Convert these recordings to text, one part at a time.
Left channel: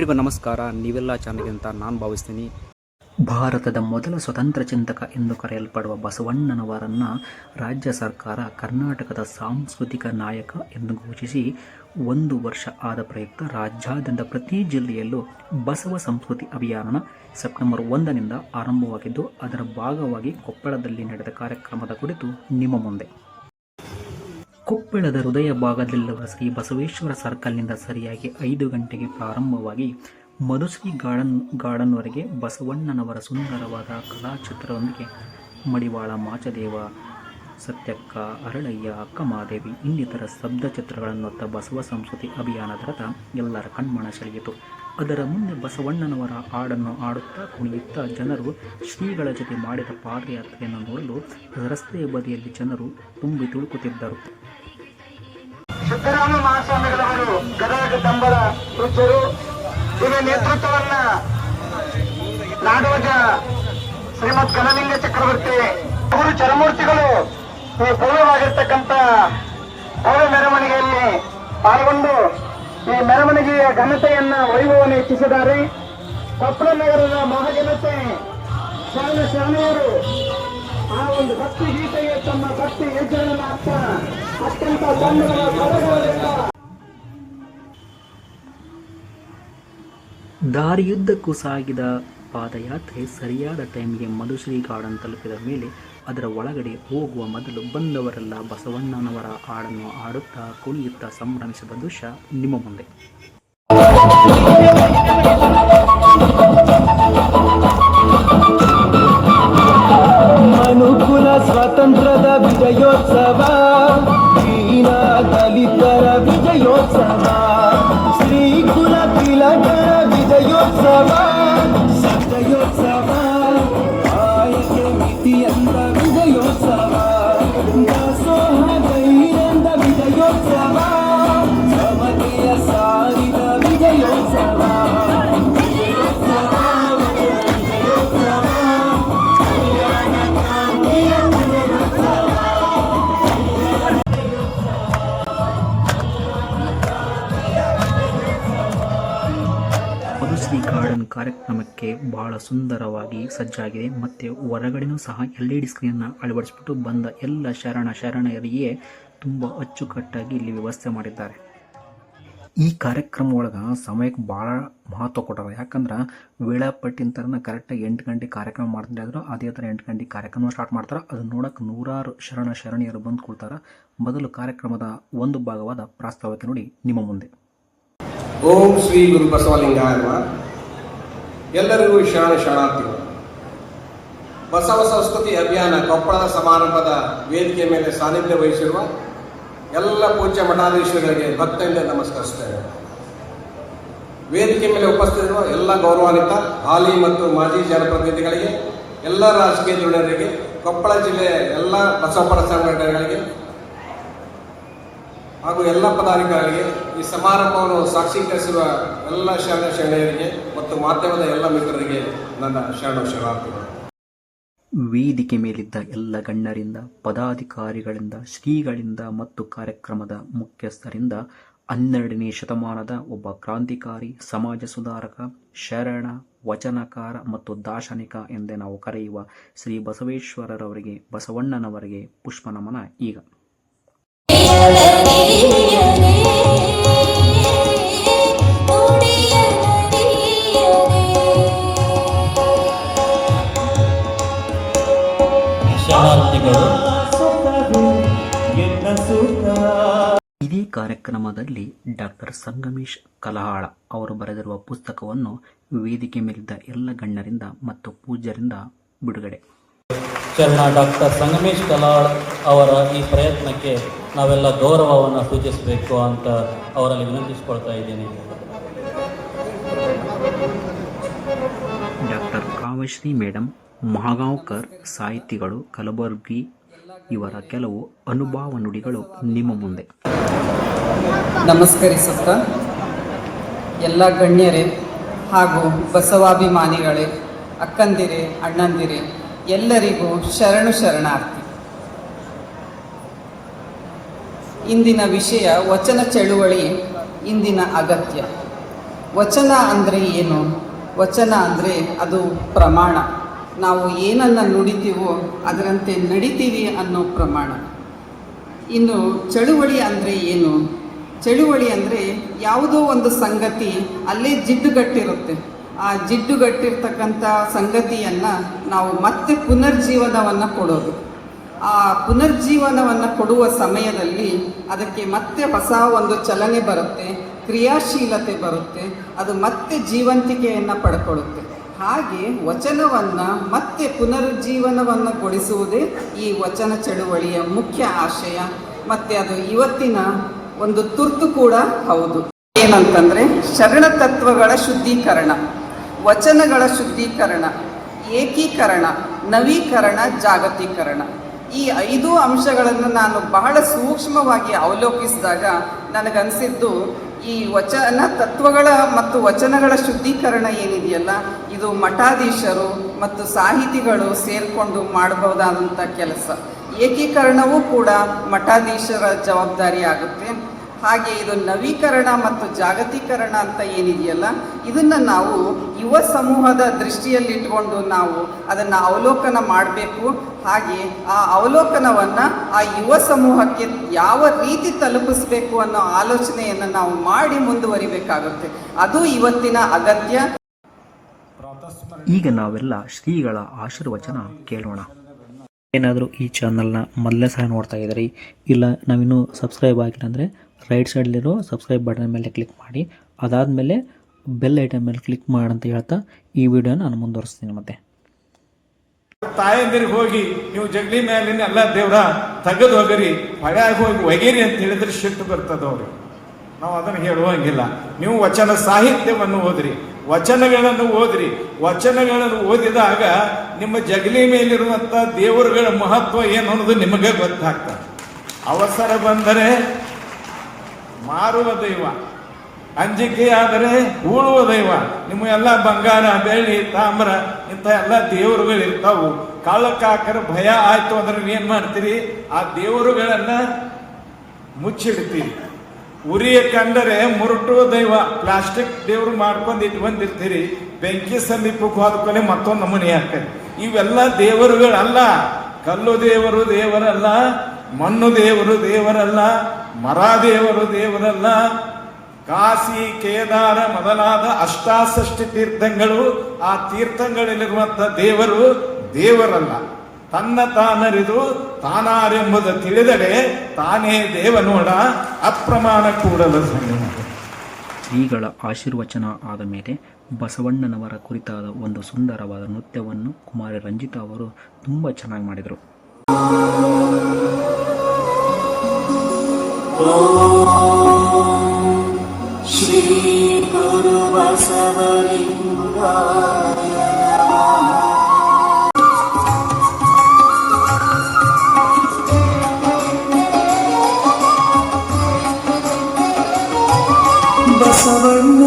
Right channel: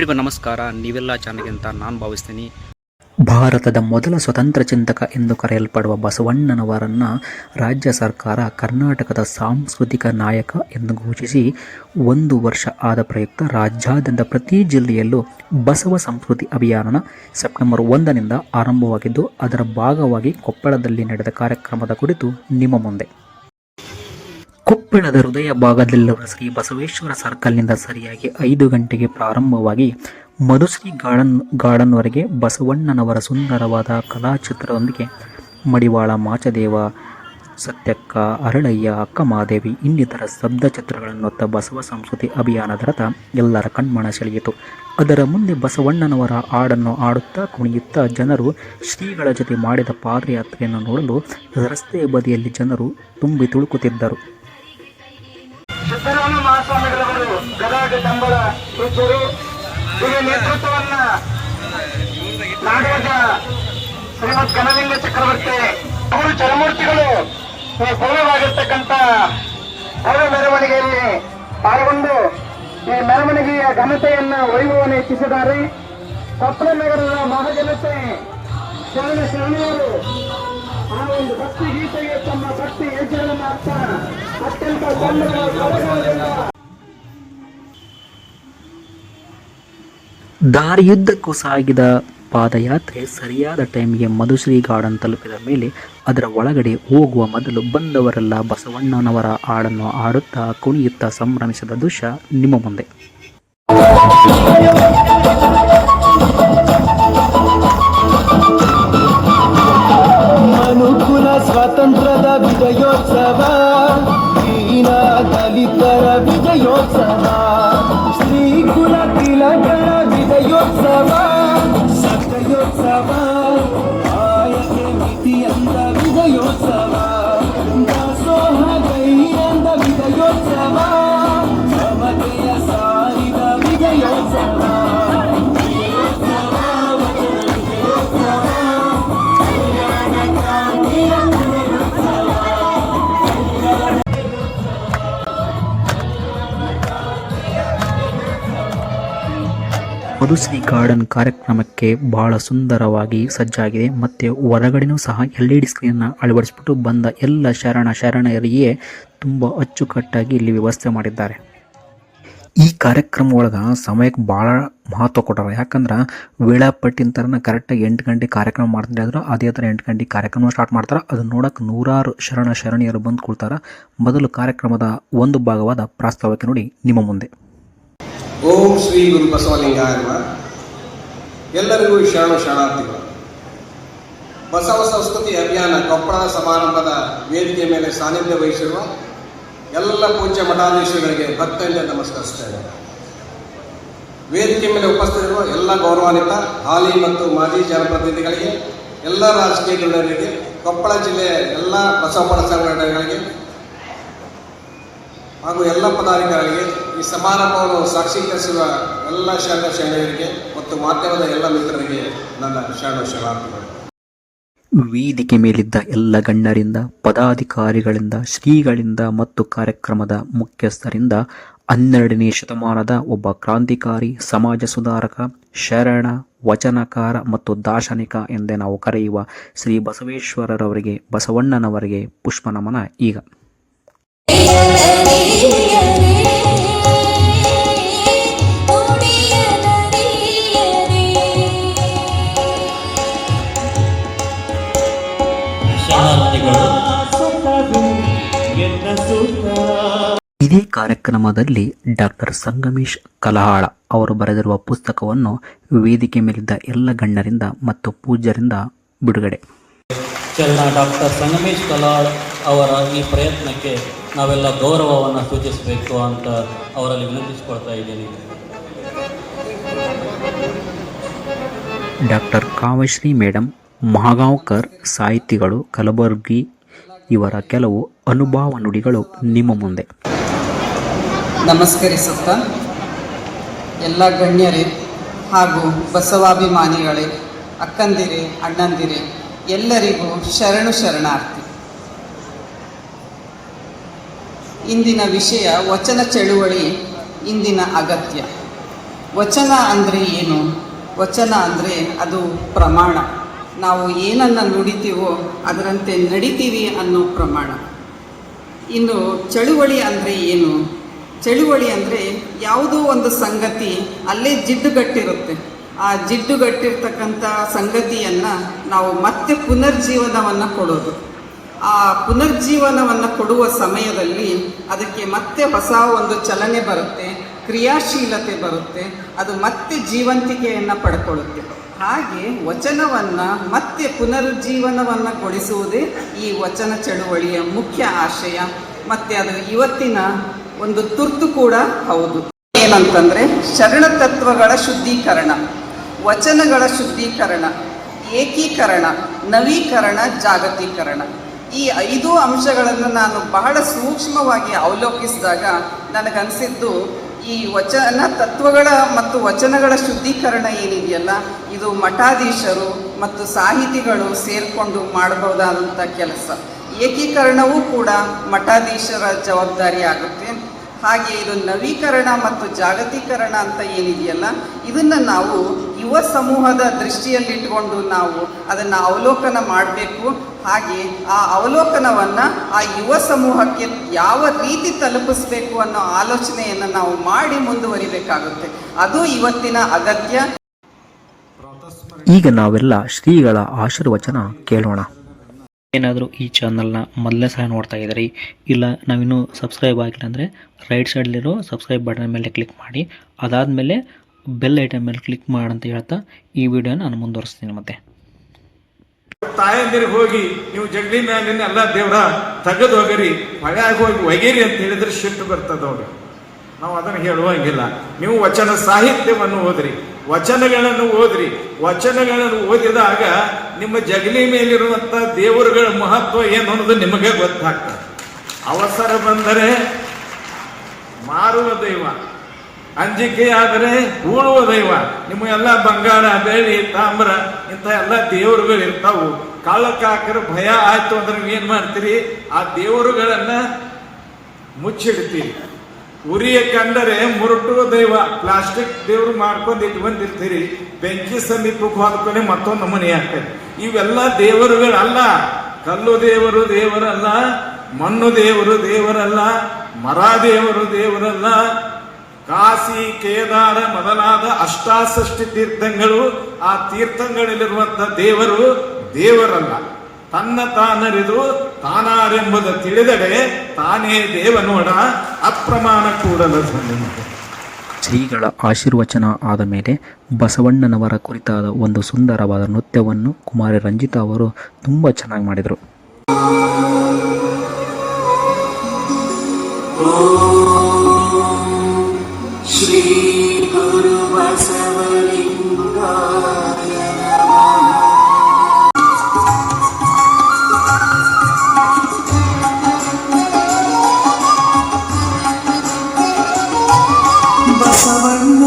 ಎಲ್ರಿಗೂ ನಮಸ್ಕಾರ. ನೀವೆಲ್ಲ ಚೆನ್ನಾಗಿ ಅಂತ ನಾನು ಭಾವಿಸ್ತೀನಿ. ಭಾರತದ ಮೊದಲ ಸ್ವತಂತ್ರ ಚಿಂತಕ ಎಂದು ಕರೆಯಲ್ಪಡುವ ಬಸವಣ್ಣನವರನ್ನು ರಾಜ್ಯ ಸರ್ಕಾರ ಕರ್ನಾಟಕದ ಸಾಂಸ್ಕೃತಿಕ ನಾಯಕ ಎಂದು ಘೋಷಿಸಿ 1 ವರ್ಷ ಆದ ಪ್ರಯುಕ್ತ ರಾಜ್ಯಾದ್ಯಂತ ಪ್ರತಿ ಜಿಲ್ಲೆಯಲ್ಲೂ ಬಸವ ಸಂಸ್ಕೃತಿ ಅಭಿಯಾನ ಸೆಪ್ಟೆಂಬರ್ 1ನಿಂದ ಆರಂಭವಾಗಿದ್ದು, ಅದರ ಭಾಗವಾಗಿ ಕೊಪ್ಪಳದಲ್ಲಿ ನಡೆದ ಕಾರ್ಯಕ್ರಮದ ಕುರಿತು ನಿಮ್ಮ ಮುಂದೆ. ಕೊಪ್ಪಳದ ಹೃದಯ ಭಾಗದಲ್ಲಿರುವ ಶ್ರೀ ಬಸವೇಶ್ವರ ಸರ್ಕಲ್ನಿಂದ ಸರಿಯಾಗಿ 5 ಗಂಟೆಗೆ ಪ್ರಾರಂಭವಾಗಿ ಮಧುಶ್ರೀ ಗಾರ್ಡನ್ವರೆಗೆ ಬಸವಣ್ಣನವರ ಸುಂದರವಾದ ಕಲಾಚಿತ್ರದೊಂದಿಗೆ ಮಡಿವಾಳ ಮಾಚದೇವ, ಸತ್ಯಕ್ಕ, ಅರಳಯ್ಯ, ಅಕ್ಕಮಹಾದೇವಿ ಇನ್ನಿತರ ಸ್ತಬ್ಧ ಚಿತ್ರಗಳನ್ನೊತ್ತ ಬಸವ ಸಂಸ್ಕೃತಿ ಅಭಿಯಾನದ ರಥ ಎಲ್ಲರ ಕಣ್ಮನ ಸೆಳೆಯಿತು. ಅದರ ಮುಂದೆ ಬಸವಣ್ಣನವರ ಹಾಡನ್ನು ಹಾಡುತ್ತಾ ಕುಣಿಯುತ್ತಾ ಜನರು ಶ್ರೀಗಳ ಜೊತೆ ಮಾಡಿದ ಪಾದಯಾತ್ರೆಯನ್ನು ನೋಡಲು ರಸ್ತೆಯ ಬದಿಯಲ್ಲಿ ಜನರು ತುಂಬಿ ತುಳುಕುತ್ತಿದ್ದರು. ಸಿದ್ದರಾಮ ಮಹಾಸ್ವಾಮಿಗಳವರು ಗದಗ ಡಂಬಳ ಪೂಜ್ಯರು, ಇದರ ನೇತೃತ್ವವನ್ನ ನಾಡೋಜ ಶ್ರೀಮದ್ ಘನಲಿಂಗ ಚಕ್ರವರ್ತಿ ಅವರು ಚರಮೂರ್ತಿಗಳು ಈ ಭವ್ಯವಾಗಿರ್ತಕ್ಕಂಥ ಭವ್ಯ ಮೆರವಣಿಗೆಯಲ್ಲಿ ಪಾಲ್ಗೊಂಡು ಈ ಮೆರವಣಿಗೆಯ ಘನತೆಯನ್ನ ವೈಭವವನ್ನು ಹೆಚ್ಚಿಸಿದ್ದಾರೆ. ಕೊಪ್ಪಳ ನಗರದ ಮಹಾಜನತೆ ಶರಣೆಯರು ಆ ಒಂದು ಭಕ್ತಿ ಗೀತೆಗೆ ತಮ್ಮ ಭಕ್ತಿ ಹೆಜ್ಜೆಯನ್ನು ಮಾಡ್ತಾ ಅತ್ಯಂತ ದಾರಿಯುದ್ದಕ್ಕೂ ಸಾಗಿದ ಪಾದಯಾತ್ರೆ ಸರಿಯಾದ ಟೈಮಿಗೆ ಮಧುಶ್ರೀ ಗಾರ್ಡನ್ ತಲುಪಿದ ಮೇಲೆ ಅದರ ಒಳಗಡೆ ಹೋಗುವ ಮೊದಲು ಬಂದವರೆಲ್ಲ ಬಸವಣ್ಣನವರ ಹಾಡನ್ನು ಹಾಡುತ್ತಾ ಕುಣಿಯುತ್ತಾ ಸಂಭ್ರಮಿಸಿದ ದೃಶ್ಯ ನಿಮ್ಮ ಮುಂದೆ. ಮನುಕುಲ ಸ್ವಾತಂತ್ರ್ಯದ ವಿಜಯೋತ್ಸವ, ದಲಿತರ ವಿಜಯೋತ್ಸವ, ಶ್ರೀಕುಲ ತಿಲಕರ ವಿಜಯೋತ್ಸವ, ಸತ್ಯೋತ್ಸವ, ಆಯಕೆ ಮಿತಿಯಂದ ವಿಜಯೋತ್ಸವ, ದಾಸೋಹ ಧೈರ್ಯಂದ ವಿಜಯೋತ್ಸವ, ಸಮತೆಯ ಸಾರಿದ ವಿಜಯೋತ್ಸವ. ಮಧುಶ್ರೀ ಗಾರ್ಡನ್ ಕಾರ್ಯಕ್ರಮಕ್ಕೆ ಬಹಳ ಸುಂದರವಾಗಿ ಸಜ್ಜಾಗಿದೆ. ಮತ್ತು ಹೊರಗಡೆನೂ ಸಹ LED ಸ್ಕ್ರೀನ್ನ ಅಳವಡಿಸ್ಬಿಟ್ಟು ಬಂದ ಎಲ್ಲ ಶರಣರಿಗೆ ತುಂಬ ಅಚ್ಚುಕಟ್ಟಾಗಿ ಇಲ್ಲಿ ವ್ಯವಸ್ಥೆ ಮಾಡಿದ್ದಾರೆ. ಈ ಕಾರ್ಯಕ್ರಮ ಒಳಗೆ ಸಮಯಕ್ಕೆ ಭಾಳ ಮಹತ್ವ ಕೊಟ್ಟಾರೆ. ಯಾಕಂದ್ರೆ ವೇಳಾಪಟ್ಟಿನ ಥರನ ಕರೆಕ್ಟಾಗಿ 8 ಗಂಟೆ ಕಾರ್ಯಕ್ರಮ ಮಾಡ್ತಾರೆ ಆದ್ರೆ ಅದೇ ಥರ 8 ಗಂಟೆ ಕಾರ್ಯಕ್ರಮ ಸ್ಟಾರ್ಟ್ ಮಾಡ್ತಾರೆ. ಅದನ್ನ ನೋಡೋಕೆ ನೂರಾರು ಶರಣೆಯರು ಬಂದು ಕೊಡ್ತಾರೆ. ಮೊದಲು ಕಾರ್ಯಕ್ರಮದ ಒಂದು ಭಾಗವಾದ ಪ್ರಾಸ್ತಾವಿಕ ನೋಡಿ ನಿಮ್ಮ ಮುಂದೆ. ಓಂ ಶ್ರೀ ಗುರು ಬಸವಲಿಂಗಾಯ ನಮಃ. ಎಲ್ಲರಿಗೂ ಶರಣಾರ್ಥಿಗಳು. ಬಸವ ಸಂಸ್ಕೃತಿ ಅಭಿಯಾನ ಕೊಪ್ಪಳದ ಸಮಾರಂಭದ ವೇದಿಕೆ ಮೇಲೆ ಸಾನ್ನಿಧ್ಯ ವಹಿಸಿರುವ ಎಲ್ಲ ಪೂಜ್ಯ ಮಠಾಧೀಶಗಳಿಗೆ ಭಕ್ತರಿಂದ ನಮಸ್ಕರಿಸುತ್ತೇನೆ. ವೇದಿಕೆ ಮೇಲೆ ಉಪಸ್ಥಿತರಿರುವ ಎಲ್ಲ ಗೌರವಾನ್ವಿತ ಹಾಲಿ ಮತ್ತು ಮಾಜಿ ಜನಪ್ರತಿನಿಧಿಗಳಿಗೆ, ಎಲ್ಲ ರಾಜಕೀಯ ಧುರೀಣರಿಗೆ, ಕೊಪ್ಪಳ ಜಿಲ್ಲೆಯ ಎಲ್ಲ ಬಸವ ಸಂಘಟನೆಗಳಿಗೆ ಹಾಗೂ ಎಲ್ಲ ಪದಾಧಿಕಾರಿಗಳಿಗೆ, ಈ ಸಮಾರಂಭವನ್ನು ಸಾಕ್ಷೀಕರಿಸಿರುವ ಎಲ್ಲ ಶರಣರಿಗೆ ಮತ್ತು ಮಾಧ್ಯಮದ ಎಲ್ಲ ಮಿತ್ರರಿಗೆ ನನ್ನ ಶರಣಾರ್ಥಿಗಳು. ವೇದಿಕೆ ಮೇಲಿದ್ದ ಎಲ್ಲ ಗಣ್ಯರಿಂದ, ಪದಾಧಿಕಾರಿಗಳಿಂದ, ಶ್ರೀಗಳಿಂದ ಮತ್ತು ಕಾರ್ಯಕ್ರಮದ ಮುಖ್ಯಸ್ಥರಿಂದ 12ನೇ ಶತಮಾನದ ಒಬ್ಬ ಕ್ರಾಂತಿಕಾರಿ, ಸಮಾಜ ಸುಧಾರಕ, ಶರಣ, ವಚನಕಾರ ಮತ್ತು ದಾರ್ಶನಿಕ ಎಂದೇ ನಾವು ಕರೆಯುವ ಶ್ರೀ ಬಸವೇಶ್ವರರವರಿಗೆ, ಬಸವಣ್ಣನವರಿಗೆ ಪುಷ್ಪ ನಮನ ಈಗ. ಇದೇ ಕಾರ್ಯಕ್ರಮದಲ್ಲಿ ಡಾಕ್ಟರ್ ಸಂಗಮೇಶ್ ಕಲಹಾಳ ಅವರು ಬರೆದಿರುವ ಪುಸ್ತಕವನ್ನು ವೇದಿಕೆ ಮೇಲಿದ್ದ ಎಲ್ಲ ಗಣ್ಯರಿಂದ ಮತ್ತು ಪೂಜ್ಯರಿಂದ ಬಿಡುಗಡೆ. ಶರಣ ಡಾಕ್ಟರ್ ಸಂಗಮೇಶ್ ಕಲಹಾಳ ಅವರ ಈ ಪ್ರಯತ್ನಕ್ಕೆ ನಾವೆಲ್ಲ ಗೌರವವನ್ನು ಸೂಚಿಸಬೇಕು ಅಂತ ಅವರಲ್ಲಿ ವಿನಂತಿಸಿಕೊಳ್ತಾ ಇದ್ದೇನೆ. ಡಾಕ್ಟರ್ ಕಾವ್ಯಶ್ರೀ ಮೇಡಮ್, ಮಹಾಗಾಂವ್ಕರ್ ಸಾಹಿತಿಗಳು, ಕಲಬುರ್ಗಿ ಇವರ ಕೆಲವು ಅನುಭವ ನುಡಿಗಳು ನಿಮ್ಮ ಮುಂದೆ. ನಮಸ್ಕರಿಸುತ್ತಾ ಎಲ್ಲ ಗಣ್ಯರೇ ಹಾಗೂ ಬಸವಾಭಿಮಾನಿಗಳೇ, ಅಕ್ಕಂದಿರೇ, ಅಣ್ಣಂದಿರೇ, ಎಲ್ಲರಿಗೂ ಶರಣಾರ್ಥಿ. ಇಂದಿನ ವಿಷಯ ವಚನ ಚಳುವಳಿ ಇಂದಿನ ಅಗತ್ಯ. ವಚನ ಅಂದರೆ ಏನು? ವಚನ ಅಂದರೆ ಅದು ಪ್ರಮಾಣ. ನಾವು ಏನನ್ನು ನುಡಿತೀವೋ ಅದರಂತೆ ನಡಿತೀವಿ ಅನ್ನೋ ಪ್ರಮಾಣ. ಇನ್ನು ಚಳುವಳಿ ಅಂದರೆ ಏನು? ಚಳುವಳಿ ಅಂದರೆ ಯಾವುದೋ ಒಂದು ಸಂಗತಿ ಅಲ್ಲೇ ಜಿಡ್ಡುಗಟ್ಟಿರುತ್ತೆ. ಆ ಜಿಡ್ಡುಗಟ್ಟಿರ್ತಕ್ಕಂಥ ಸಂಗತಿಯನ್ನು ನಾವು ಮತ್ತೆ ಪುನರ್ಜೀವನವನ್ನು ಕೊಡೋದು. ಆ ಪುನರ್ಜೀವನವನ್ನು ಕೊಡುವ ಸಮಯದಲ್ಲಿ ಅದಕ್ಕೆ ಮತ್ತೆ ಹೊಸ ಒಂದು ಚಲನೆ ಬರುತ್ತೆ, ಕ್ರಿಯಾಶೀಲತೆ ಬರುತ್ತೆ, ಅದು ಮತ್ತೆ ಜೀವಂತಿಕೆಯನ್ನು ಪಡ್ಕೊಳ್ಳುತ್ತೆ. ಹಾಗೆ ವಚನವನ್ನು ಮತ್ತೆ ಪುನರುಜ್ಜೀವನವನ್ನು ಗೊಳಿಸುವುದೇ ಈ ವಚನ ಚಳುವಳಿಯ ಮುಖ್ಯ ಆಶಯ. ಮತ್ತು ಅದು ಇವತ್ತಿನ ಒಂದು ತುರ್ತು ಕೂಡ ಹೌದು. ಏನಂತಂದರೆ ಶರಣ ತತ್ವಗಳ ಶುದ್ಧೀಕರಣ, ವಚನಗಳ ಶುದ್ಧೀಕರಣ, ಏಕೀಕರಣ, ನವೀಕರಣ, ಜಾಗತೀಕರಣ. ಈ 5 ಅಂಶಗಳನ್ನು ನಾನು ಬಹಳ ಸೂಕ್ಷ್ಮವಾಗಿ ಅವಲೋಕಿಸಿದಾಗ ನನಗನ್ಸಿದ್ದು ಈ ವಚನ ತತ್ವಗಳ ಮತ್ತು ವಚನಗಳ ಶುದ್ಧೀಕರಣ ಏನಿದೆಯಲ್ಲ, ಇದು ಮಠಾಧೀಶರು ಮತ್ತು ಸಾಹಿತಿಗಳು ಸೇರಿಕೊಂಡು ಮಾಡಬಹುದಾದಂಥ ಕೆಲಸ. ಏಕೀಕರಣವೂ ಕೂಡ ಮಠಾಧೀಶರ ಜವಾಬ್ದಾರಿ ಆಗುತ್ತೆ. ಹಾಗೆ ಇದು ನವೀಕರಣ ಮತ್ತು ಜಾಗತೀಕರಣ ಅಂತ ಏನಿದೆಯಲ್ಲ, ಇದನ್ನು ನಾವು ಯುವ ಸಮೂಹದ ದೃಷ್ಟಿಯಲ್ಲಿಟ್ಟುಕೊಂಡು ನಾವು ಅದನ್ನು ಅವಲೋಕನ ಮಾಡಬೇಕು. ಹಾಗೆ ಆ ಅವಲೋಕನವನ್ನು ಆ ಯುವ ಸಮೂಹಕ್ಕೆ ಯಾವ ರೀತಿ ತಲುಪಿಸಬೇಕು ಅನ್ನೋ ಆಲೋಚನೆಯನ್ನು ನಾವು ಮಾಡಿ ಮುಂದುವರಿಬೇಕಾಗುತ್ತೆ. ಅದು ಇವತ್ತಿನ ಅಗತ್ಯ. ಈಗ ನಾವೆಲ್ಲ ಶ್ರೀಗಳ ಆಶೀರ್ವಚನ ಕೇಳೋಣ. ಏನಾದರೂ ಈ ಚಾನಲ್ನ ಮೊದಲನೇ ಸಲ ನೋಡ್ತಾ ಇದ್ದೀರಿ, ಇಲ್ಲ ನಾವಿನ್ನೂ ಸಬ್ಸ್ಕ್ರೈಬ್ ಆಗಿಲ್ಲ ಅಂದರೆ ರೈಟ್ ಸೈಡಲ್ಲಿರೋ ಸಬ್ಸ್ಕ್ರೈಬ್ ಬಟನ್ ಮೇಲೆ ಕ್ಲಿಕ್ ಮಾಡಿ, ಅದಾದಮೇಲೆ ಬೆಲ್ ಐಟಮ್ ಮೇಲೆ ಕ್ಲಿಕ್ ಮಾಡಂತ ಹೇಳ್ತಾ ಈ ವಿಡಿಯೋನ ನಾನು ಮುಂದುವರಿಸ್ತೀನಿ. ಮತ್ತೆ ತಾಯಂದಿರಿಗೆ ಹೋಗಿ ನೀವು ಜಗಲಿ ಮ್ಯಾಲಿನ ಎಲ್ಲ ದೇವ್ರ ತೆಗೆದು ಹೋಗಿರಿ, ಹಳ್ಯಾಗ ಹೋಗಿ ಒಗಿರಿ ಅಂತ ಹೇಳಿದ್ರೆ ಸಿಟ್ಟು ಬರ್ತದವ್ರಿ. ನಾವು ಅದನ್ನು ಹೇಳುವಂಗಿಲ್ಲ. ನೀವು ವಚನ ಸಾಹಿತ್ಯವನ್ನು ಓದ್ರಿ, ವಚನಗಳನ್ನು ಓದ್ರಿ. ವಚನಗಳನ್ನು ಓದಿದಾಗ ನಿಮ್ಮ ಜಗಲಿ ಮೇಲಿರುವಂಥ ದೇವರುಗಳ ಮಹತ್ವ ಏನು ಅನ್ನೋದು ನಿಮಗೆ ಗೊತ್ತಾಗ್ತದೆ. ಅವಸರ ಬಂದರೆ ಮಾರುವ ದೈವ, ಅಂಜಿಕೆಯಾದರೆ ಉಳುವ ದೈವ. ನಿಮಗೆಲ್ಲ ಬಂಗಾರ, ಬೆಳ್ಳಿ, ತಾಮ್ರ ಇಂಥ ಎಲ್ಲ ದೇವರುಗಳು ಇರ್ತಾವು. ಕಾಳಕ್ಕಾಕರ ಭಯ ಆಯ್ತು ಅಂದ್ರೆ ಏನ್ ಮಾಡ್ತೀರಿ? ಆ ದೇವರುಗಳನ್ನ ಮುಚ್ಚಿಡ್ತೀರಿ. ಉರಿಯ ಕಂಡರೆ ಮುರುಟುವ ದೈವ, ಪ್ಲಾಸ್ಟಿಕ್ ದೇವ್ರು ಮಾಡ್ಕೊಂಡು ಇಟ್ಕೊಂಡಿರ್ತೀರಿ. ಬೆಂಕಿ ಸಮೀಪಕ್ಕೆ ಹೋದ್ಕೊಳ್ಳಿ ಮತ್ತೊಂದು ನಮೂನೆ ಆಗ್ತದೆ. ಇವೆಲ್ಲ ದೇವರುಗಳಲ್ಲ. ಕಲ್ಲು ದೇವರು ದೇವರಲ್ಲ, ಮಣ್ಣು ದೇವರು ದೇವರಲ್ಲ, ಮರ ದೇವರು ದೇವರಲ್ಲ. ಕಾಶಿ, ಕೇದಾರ ಮೊದಲಾದ ಅಷ್ಟಾಷಷ್ಟಿ ತೀರ್ಥಗಳು, ಆ ತೀರ್ಥಗಳಲ್ಲಿರುವಂಥ ದೇವರು ದೇವರಲ್ಲ. ತನ್ನ ತಾನರಿದು ತಾನಾರೆಂಬುದು ತಿಳಿದಡೆ ತಾನೇ ದೇವನೋಡ ಅಪ್ರಮಾಣ ಕೂಡಲು. ಶ್ರೀಗಳ ಆಶೀರ್ವಚನ ಆದ ಮೇಲೆ ಬಸವಣ್ಣನವರ ಕುರಿತಾದ ಒಂದು ಸುಂದರವಾದ ನೃತ್ಯವನ್ನು ಕುಮಾರಿ ರಂಜಿತಾ ಅವರು ತುಂಬ ಚೆನ್ನಾಗಿ ಮಾಡಿದರು. ಶ್ರೀ ಗುರು ಬಸವಲಿಂಗಾಯ ಬಸವಣ್ಣ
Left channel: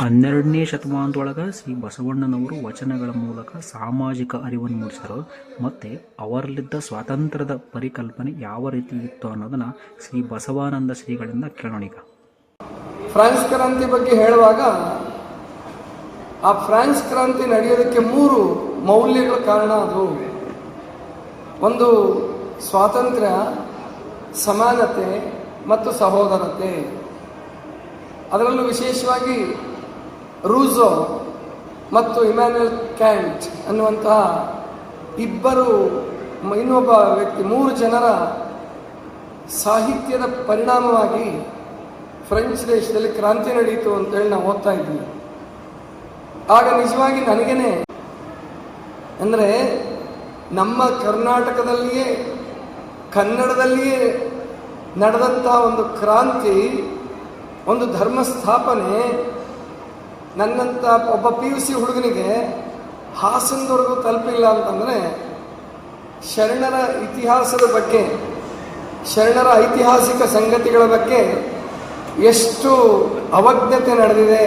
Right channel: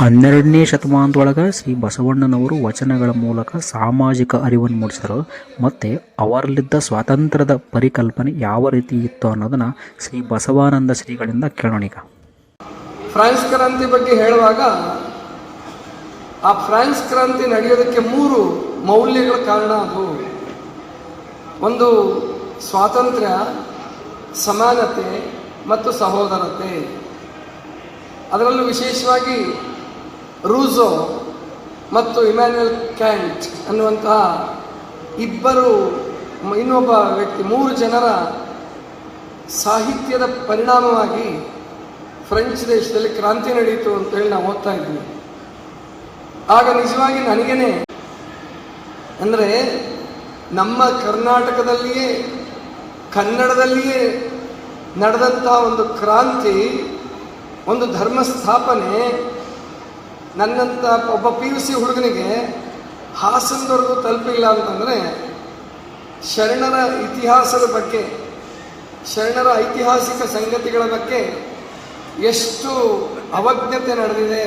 ಹನ್ನೆರಡನೇ ಶತಮಾನದೊಳಗೆ ಶ್ರೀ ಬಸವಣ್ಣನವರು ವಚನಗಳ ಮೂಲಕ ಸಾಮಾಜಿಕ ಅರಿವನ್ನು ಮೂಡಿಸಿದರು. ಮತ್ತು ಅವರಲ್ಲಿದ್ದ ಸ್ವಾತಂತ್ರ್ಯದ ಪರಿಕಲ್ಪನೆ ಯಾವ ರೀತಿ ಇತ್ತು ಅನ್ನೋದನ್ನು ಶ್ರೀ ಬಸವಾನಂದ ಶ್ರೀಗಳಿಂದ ಕೇಳೋಣ. ಈಗ ಫ್ರಾನ್ಸ್ ಕ್ರಾಂತಿ ಬಗ್ಗೆ ಹೇಳುವಾಗ ಆ ಫ್ರಾನ್ಸ್ ಕ್ರಾಂತಿ ನಡೆಯೋದಕ್ಕೆ 3 ಮೌಲ್ಯಗಳ ಕಾರಣ. ಅದು ಒಂದು ಸ್ವಾತಂತ್ರ್ಯ, ಸಮಾನತೆ ಮತ್ತು ಸಹೋದರತೆ. ಅದರಲ್ಲೂ ವಿಶೇಷವಾಗಿ ರೂಸೋ ಮತ್ತು ಇಮ್ಯಾನ್ಯುಯಲ್ ಕ್ಯಾಂಟ್ ಅನ್ನುವಂತಹ ಇನ್ನೊಬ್ಬ ವ್ಯಕ್ತಿ, 3 ಜನರ ಸಾಹಿತ್ಯದ ಪರಿಣಾಮವಾಗಿ ಫ್ರೆಂಚ್ ದೇಶದಲ್ಲಿ ಕ್ರಾಂತಿ ನಡೆಯಿತು ಅಂತೇಳಿ ನಾವು ಓದ್ತಾ ಇದ್ವಿ. ಆಗ ನಿಜವಾಗಿ ನನಗೇನೆ ಅಂದರೆ ನಮ್ಮ ಕರ್ನಾಟಕದಲ್ಲಿಯೇ ಕನ್ನಡದಲ್ಲಿಯೇ ನಡೆದಂಥ ಒಂದು ಕ್ರಾಂತಿ, ಒಂದು ಧರ್ಮ ಸ್ಥಾಪನೆ ನನ್ನಂಥ ಒಬ್ಬ PUC ಹುಡುಗನಿಗೆ ಹಾಸನದವರೆಗೂ ತಲುಪಿಲ್ಲ ಅಂತಂದರೆ ಶರಣರ ಇತಿಹಾಸದ ಬಗ್ಗೆ, ಶರಣರ ಐತಿಹಾಸಿಕ ಸಂಗತಿಗಳ ಬಗ್ಗೆ ಎಷ್ಟು ಅವಜ್ಞತೆ ನಡೆದಿದೆ.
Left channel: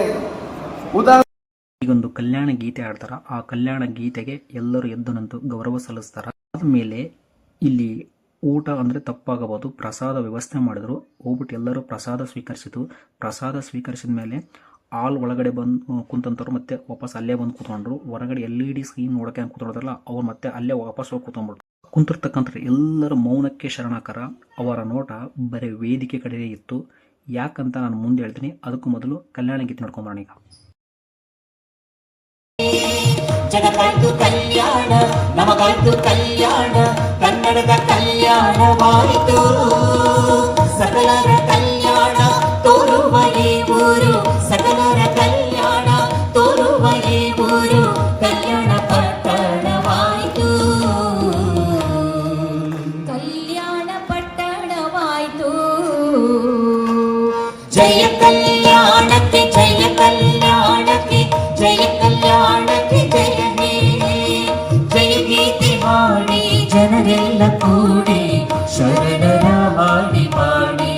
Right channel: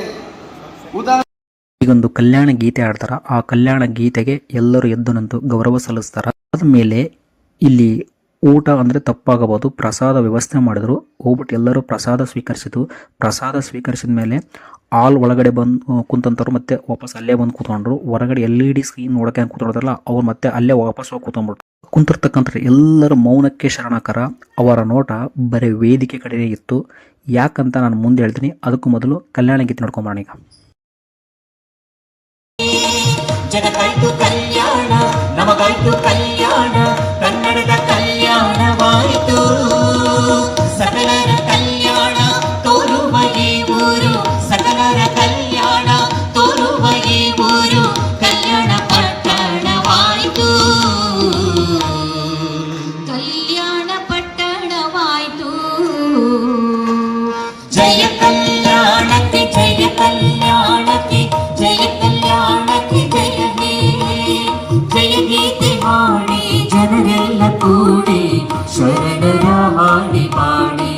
ಈಗೊಂದು ಕಲ್ಯಾಣ ಗೀತೆ ಆಡ್ತಾರ. ಆ ಕಲ್ಯಾಣ ಗೀತೆಗೆ ಎಲ್ಲರೂ ಎದ್ದು ನಿಂತು ಗೌರವ ಸಲ್ಲಿಸ್ತಾರ. ಆದಮೇಲೆ ಇಲ್ಲಿ ಊಟ ಅಂದರೆ ತಪ್ಪಾಗಬಹುದು, ಪ್ರಸಾದ ವ್ಯವಸ್ಥೆ ಮಾಡಿದ್ರು. ಹೋಗ್ಬಿಟ್ಟು ಎಲ್ಲರೂ ಪ್ರಸಾದ ಸ್ವೀಕರಿಸಿತು. ಪ್ರಸಾದ ಸ್ವೀಕರಿಸಿದ ಮೇಲೆ ಆಲ್ ಒಳಗಡೆ ಬಂದು ಕುಂತಂತವ್ರು ಮತ್ತೆ ವಾಪಸ್ ಅಲ್ಲೇ ಬಂದು ಕೂತ್ಕೊಂಡ್ರು. ಹೊರಗಡೆ LED ಸ್ಕ್ರೀನ್ ನೋಡೋಕೆ ಕೂತ್ಕೊಳ್ತಾರಲ್ಲ ಅವ್ರು ಮತ್ತೆ ಅಲ್ಲೇ ವಾಪಸ್ ಹೋಗಿ ಕೂತ್ಕೊಂಡ್ಬಿಟ್ರು. ಕುಂತಿರ್ತಕ್ಕಂಥ ಎಲ್ಲರ ಮೌನಕ್ಕೆ ಶರಣಕರ. ಅವರ ನೋಟ ಬರೀ ವೇದಿಕೆ ಕಡೆನೇ ಇತ್ತು. ಯಾಕಂತ ನಾನು ಮುಂದೆ ಹೇಳ್ತೀನಿ. ಅದಕ್ಕೂ ಮೊದಲು ಕಲ್ಯಾಣ ಗೀತೆ ನೋಡ್ಕೊಂಬರೋಣ ಈಗ. ಜನಕೈತು ಕಲ್ಯಾಣ, ನಮಗೈತು ಕಲ್ಯಾಣ, ಕನ್ನಡದ ಕಲ್ಯಾಣವಾಯಿತು. ಸಕಲರ ಕಲ್ಯಾಣ ತೋರುವ ಈ ಊರು, ಸಕಲರ ಕಲ್ಯಾಣ ತೋರುವ ಈ ಊರು, ಕಲ್ಯಾಣ ಪಟ್ಟಣವಾಯಿತು. ಕಲ್ಯಾಣ ಪಟ್ಟಣವಾಯಿತು. ಜಯ ಕಲ್ಯಾಣಕ್ಕೆ, ಜಯ ಕಲ್ಯಾಣಕ್ಕೆ, ಜಯ ಕಲ್ಯಾಣಕ್ಕೆ, ಜಯ ಹೇ ಜಯ ಗೀತೆ ಮಾಡಿ ಜನರೆಲ್ಲ ಕೂಡಿ ಶರಣರ ಹಾಡಿ ಪಾಡಿ,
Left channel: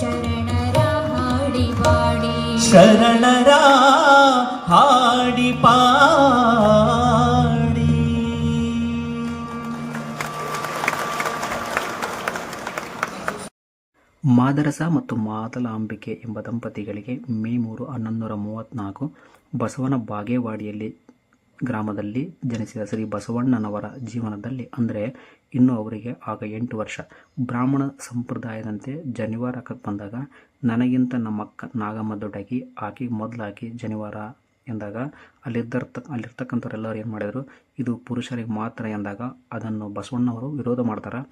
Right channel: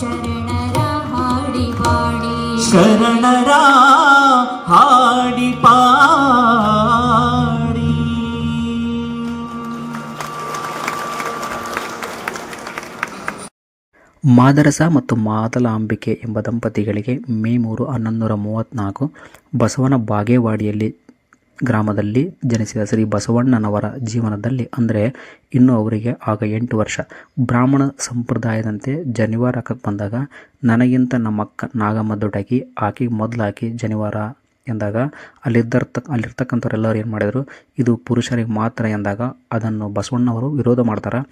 ಶರಣರ ಹಾಡಿ ಪಾಡಿ, ಶರಣರ ಹಾಡಿ ಪಾಡಿ. ಮಾದರಸ ಮತ್ತು ಮಾದಲಾಂಬಿಕೆ ಎಂಬ ದಂಪತಿಗಳಿಗೆ ಮೇ 3, 1134 ಬಸವನ ಬಾಗೇವಾಡಿಯಲ್ಲಿ ಗ್ರಾಮದಲ್ಲಿ ಜನಿಸಿದ ಶ್ರೀ ಬಸವಣ್ಣನವರ ಜೀವನದಲ್ಲಿ ಅಂದರೆ ಇನ್ನೂ ಅವರಿಗೆ ಆಗ 8 ವರ್ಷ. ಬ್ರಾಹ್ಮಣ ಸಂಪ್ರದಾಯದಂತೆ ಜನಿವಾರ ಹಾಕಕ್ಕೆ ಬಂದಾಗ ನನಗಿಂತ ನಮ್ಮಕ್ಕ ನಾಗಮ್ಮ ದೊಡ್ಡಾಕಿ, ಆಕೆಗೆ ಮೊದಲಾಕಿ ಜನಿವಾರ ಎಂದಾಗ ಅಲ್ಲಿರ್ತಕ್ಕಂಥವ್ರೆಲ್ಲರೂ ಏನು ಮಾಡಿದರು, ಇದು ಪುರುಷರಿಗೆ ಮಾತ್ರ ಎಂದಾಗ ಅದನ್ನು ಬಸವಣ್ಣವರು ವಿರೋಧ ಮಾಡ್ತಾರೆ.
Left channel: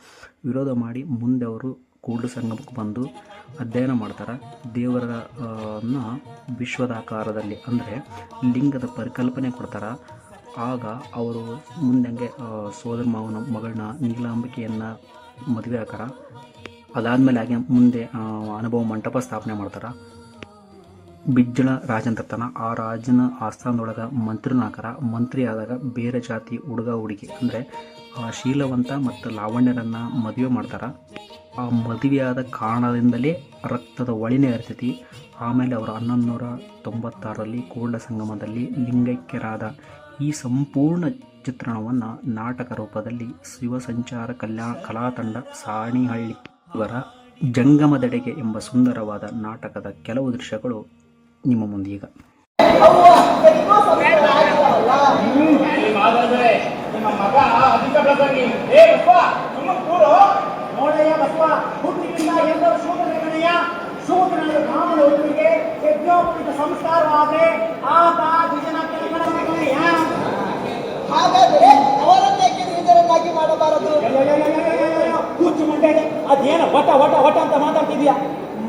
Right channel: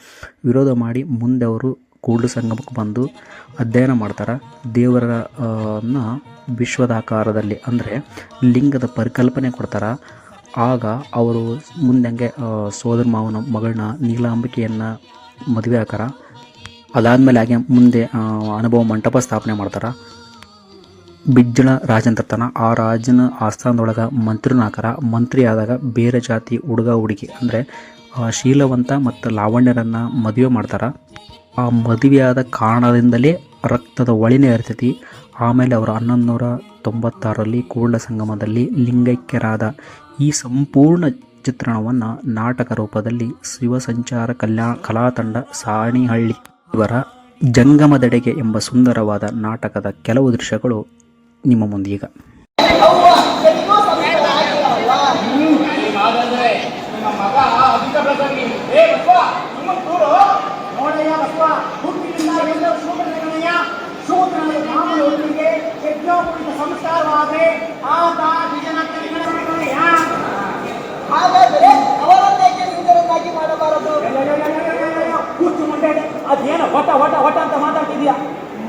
ವಿರೋಧ ಮಾಡಿ ಮುಂದೆ ಅವರು ಕೂಡಲ ಸಂಗಮಕ್ಕೆ ಬಂದು ಅಧ್ಯಯನ ಮಾಡ್ತಾರೆ. ದೇವರನ್ನ ವಿಶ್ವದಾಕಾರದಲ್ಲಿ ಅಂದರೆ ಲಿಂಗದ ಪರಿಕಲ್ಪನೆ ಕೊಡ್ತಾರೆ. ಆಗ ಅವರು ಮುಂದೆ ಸೋದರ ಮಾವನ ಮಗಳನ್ನ ನೀಲಾಂಬಿಕೆಯನ್ನು ಮದುವೆ ಹಾಕಾರ. ಅದಾದಮೇಲೆ ಹಾಗೆ ಮುಂದೆ ಅನುಭವ ಮಂಟಪ ಸ್ಥಾಪನೆ ಮಾಡ್ತಾರೆ. ಬಿಜ್ಜಳ ರಾಜಂತಿರ್ತಾನೆ. ಆ ರಾಜನ ಆಸ್ಥಾನದೊಳಗೆ ಮಂತ್ರಿನ ಹಾಕಾರ. ಮಂತ್ರಿ ಆದಾಗ ಬೇರೆ ಜಾತಿ ಹುಡುಗ ಹುಡುಗಿ ಅಂದರೆ ಶೀಲವಂತ ಮತ್ತು ಲಾವಣ್ಯರನ್ನು ಮದುವೆ ಮಾಡ್ತಾರೆ. ಆ ಮದುವೆಯಾದ ಕಾರಣದಿಂದಲೇ ರಕ್ತದ ಒಳಿನೇ ಇರ್ತೈತಿ. ಆಮೇಲೆ ಅವರು 1196ರಲ್ಲಿ ಕೂಡಲ ಸಂಗಮದಲ್ಲಿ ಲಿಂಗೈಕ್ಯರಾದ. ಈ ಸಂಪೂರ್ಣ ಚಿತ್ರಣವನ್ನು ನಾಟಕ ರೂಪದಲ್ಲಿ ಶಿವಸಂಚಾರ ಕಲಾತಂಡ ಸಾಣಿಹಳ್ಳಿ ಇವರ ಜಂಗಮದೆಡೆಗೆ ಎಂಬ ಸುಂದರವಾದ ನಾಟಕದ ಕೆಲವು ದೃಶ್ಯಗಳು ನಿಮ್ಮ ಮುಂದೀಗ. ನೋಡಯ್ಯ ಬಸವ, ಹುಟ್ಟಿನಿಂದ ಎಲ್ಲರೂ ಶೂದ್ರಗಣಯ್ಯ. ಶೂದ್ರನ ಕಾಮನೊಂದಿಗೆ ಯಜ್ಞೋಪವಿತ ಸಂಸ್ಕಾರವಾದರೆ ಆತ ದ್ವಿಜನ ಕಲಿಗಣಯ್ಯ. ಹಾಗಾದರೆ ಅವರನ್ನೇಕೆ ನಿಜರನ್ನಾಗಿ ಮಾಡಬಾರದು? ಕೂತು ಮುಂಡೆ ಅದೇನೋ ಹೊಟ ಹೊಟ ಹೊಟ ಅಂತ ಮಾತಾಡ್ತಿದ್ಯಾ?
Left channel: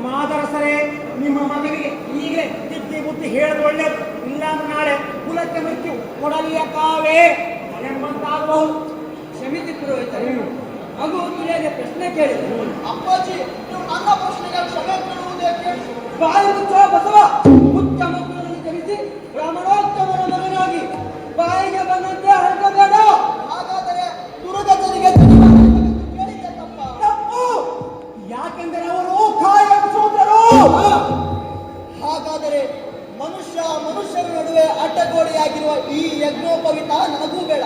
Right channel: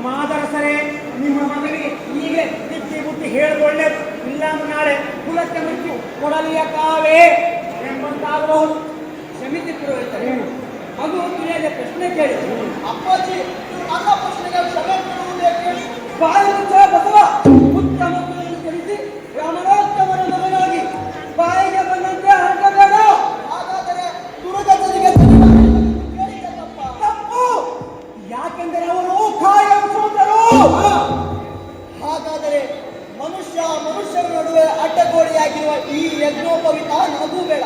ಮಾದರಸರೇ, ನಿಮ್ಮ ಮಗನಿಗೆ ಈಗಲೇ ಬುದ್ಧಿ ಬುದ್ಧಿ ಹೇಳೋದು ಒಳ್ಳೇದು. ಇಲ್ಲಾಂದ್ರೆ ನಾಳೆ ಕುಲಕ್ಕೆ ಮೃತ್ಯು ಕೊಡಲಿಯ ಕಾವೇ ಎಂಬಂತಾಗಬಹುದು. ಕ್ಷಮಿಸಿ ಪುರೋಹಿತ, ಮಗು ತಿಳಿಯದೆ ಪ್ರಶ್ನೆ ಕೇಳಿ. ಅಪ್ಪಾಜಿ, ನನ್ನ ಪ್ರಶ್ನೆಗೆ ಕ್ಷಮೆ ಕೇಳುವುದೇಕೆ? ಬಾಯಿ ಮುಚ್ಚ ಬಸವ. ಉತ್ತಮ ಕುಲದಲ್ಲಿ ಜನಿಸಿ ರಾಮನೋತ್ತಮರ ಮಗನಾಗಿ ಬಾಯಿಗೆ ಬಂದಂತೆ ಹರಡಬೇಡ. ಹಾಗಾದರೆ ದುರ್ಗತಿಗೆ ತಪ್ಪು. ಯಾಕೆಂದರೆ ಅವರು ಕಾಯಂ ಶೂದ್ರರು. ಹಾಗಾದರೆ ಮನುಷ್ಯರ ನಡುವೆ ಅಡ್ಡಗೋಡೆಯಾಗಿರುವ ಈ ಯಜ್ಞೋಪವಿತ ನನಗೂ ಬೇಡ.